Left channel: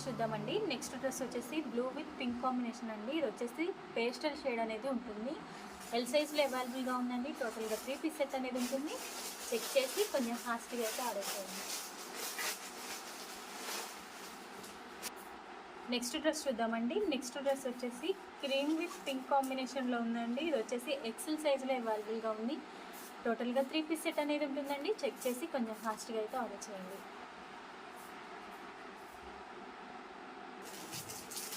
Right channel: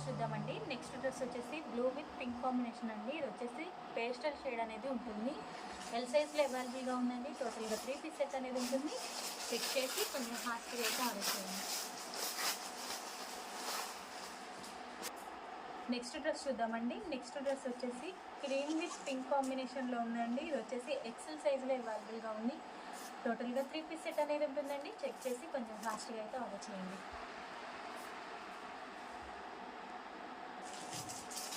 Dress చూద్దామండి. Next dress వచ్చేసి blue with pink combination అండి. ఇది వచ్చేసి పేస్టల్ షేడ్ అనేది ఉంటుంది. ఎల్ సైజ్లో అవైలబుల్గా ఉందండి. టోటల్గా 3 పీస్ సెట్ అనేది ఉంటుంది. చెక్ చేసి కొంచెం ఫాస్ట్గా అయితే ఆర్డర్ చేయండి. నెక్స్ట్ డ్రెస్ చూద్దామండి. నెక్స్ట్ డ్రెస్ వచ్చేసి క్రీమ్ విత్ పింక్ కాంబినేషన్లో ఉందండి. ఇది వచ్చేసి ఎక్సెల్ సైజ్లో అవైలబుల్గా ఉంది. టోటల్గా 3 పీస్ సెట్ అనేది ఉంటుందండి. చెక్ చేసి కొంచెం ఫాస్ట్గా అయితే ఆర్డర్ చేయండి.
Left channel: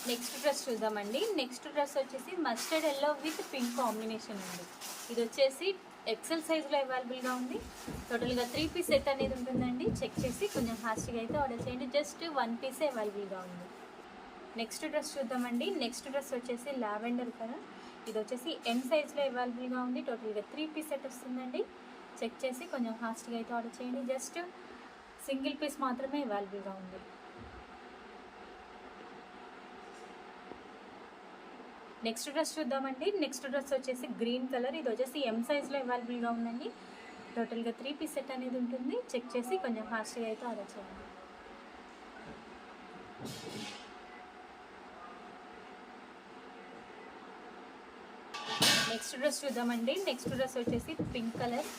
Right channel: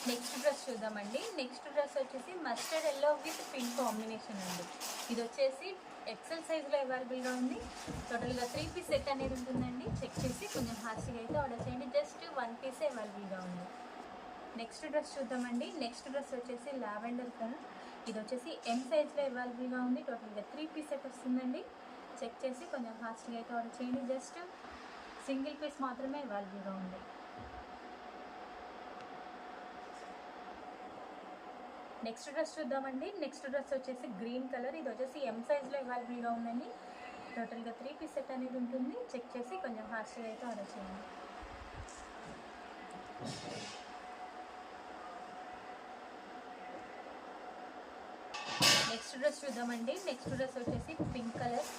నెక్స్ట్ డ్రెస్ చూద్దామండి. నెక్స్ట్ డ్రెస్ వచ్చేసి mustard yellow with pink combination అండి. ఇది వచ్చేసి ఎక్సెల్ సైజ్లో అవైలబుల్గా ఉంది. టోటల్గా 3 పీస్ సెట్ అనేది ఉంటుందండి. చెక్ చేసి కొంచెం ఫాస్ట్గా అయితే ఆర్డర్ చేయండి. జస్ట్ 1 పీసే అవైలబుల్గా ఉంది. నెక్స్ట్ డ్రెస్ చూద్దామండి. నెక్స్ట్ డ్రెస్ వచ్చేసి లావెండర్ కలర్. ఇది వచ్చేసి ఎం సైజ్లో అవైలబుల్గా ఉంది. టోటల్గా 3 పీస్ సెట్ వస్తుందండి. చెక్ చేసి కొంచెం ఫాస్ట్గా అయితే ఆర్డర్ చేయండి. జస్ట్ సింగిల్ పీస్ మాత్రమే అవైలబుల్గా ఉంది. నెక్స్ట్ డ్రెస్ చూద్దామండి. నెక్స్ట్ డ్రెస్ వచ్చేసి గ్రీన్ కలర్. ఇది వచ్చేసి ఎం సైజ్లో అవైలబుల్గా ఉందండి. టోటల్గా 3 పీస్ సెట్ అనేది ఉంటుంది. చెక్ చేసి కొంచెం ఫాస్ట్గా అయితే ఆర్డర్ చేయండి. నెక్స్ట్ డ్రెస్ చూద్దామండి. నెక్స్ట్ డ్రెస్ వచ్చేసి పింక్ కలర్.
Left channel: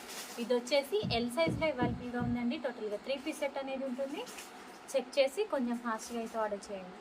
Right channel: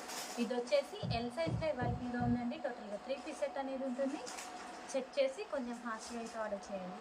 ఇది వచ్చేసి ఎల్ సైజ్లో అవైలబుల్గా ఉందండి. టోటల్గా 3 పీస్ సెట్ అనేది ఉంటుంది. చెక్ చేసి కొంచెం ఫాస్ట్గా అయితే ఆర్డర్ చేయండి.